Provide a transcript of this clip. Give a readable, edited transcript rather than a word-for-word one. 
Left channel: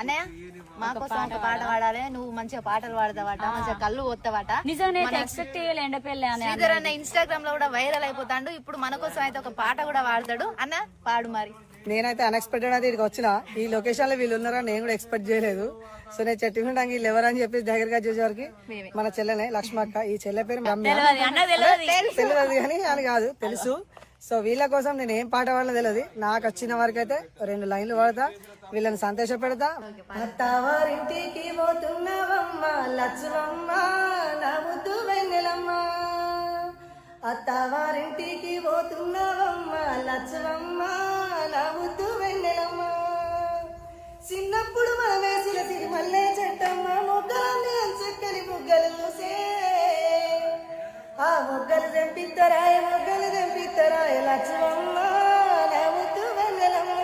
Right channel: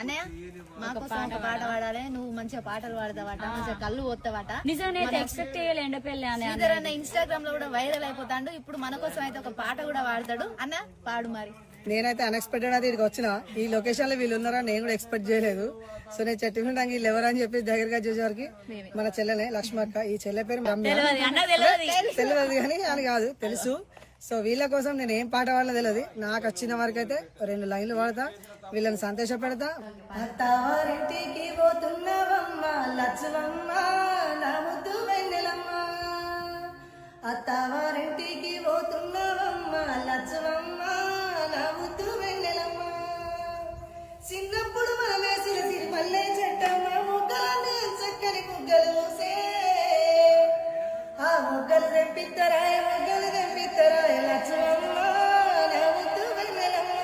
అన్నయ్య మా కోసం ఒక పాట పాడాలి. నువ్వు మంచిగా పాటలు పాడతావట, మంచిగా కళ్ళు పోతావట. నిజంగా ఎక్స్పెక్ట్ చేయలే ఎండపల్లి అని. శ్రీధర్ అన్న ఇన్స్టాగ్రామ్ లో కూడా వైరల్ అయిపోతాడు. ఇప్పుడు మన కోసం అయితే ఒక పాట కూడా పాడతాడు. అన్న పాడు మరి. నేనైతే అన్ఎక్స్పెక్టెడ్ అయితే ఇక్కడికి వచ్చిన ఈ లొకేషన్ లో వీళ్ళు ఉన్నారని నేను కూడా ఎక్స్పెక్ట్ చేయలేదు. సో నేను చెట్టు నుండి వీళ్ళు ఎవరని చెప్పి దగ్గరగా చూసేవారికి మన చెల్లెనే లక్ష్మక్క. ఈ చెల్లె పేరు తెలియదు కానీ అని కాదు తెలుసు. సో వీళ్ళ కోసం నేను ఏం పాట పాడలో తెలియదు. నాకు వచ్చిన వరకు అయితే 2 లైన్లు పాడతా, వీళ్ళని సంతోష పెడతా. అత్తవారింటికి పోతున్నావమ్మ లచ్చవమ్మ నవ్వుతూ వెన్నెలమ్మ, అత్తవారింటికి పోతున్నావమ్మ లచ్చవమ్మ నవ్వుతూ వెన్నెలమ్మ, చిన్నప్పుడు మనం వేసిన సిరిమల్లె చెట్టమ్మ ముగ్గలన్నీ చక్కని ముగ్గలు మూసే, ఆ ముగ్గలు తెంపిత్తరాయ లచ్చవమ్మ నవ్వుతూ వెన్నెలమ్మ.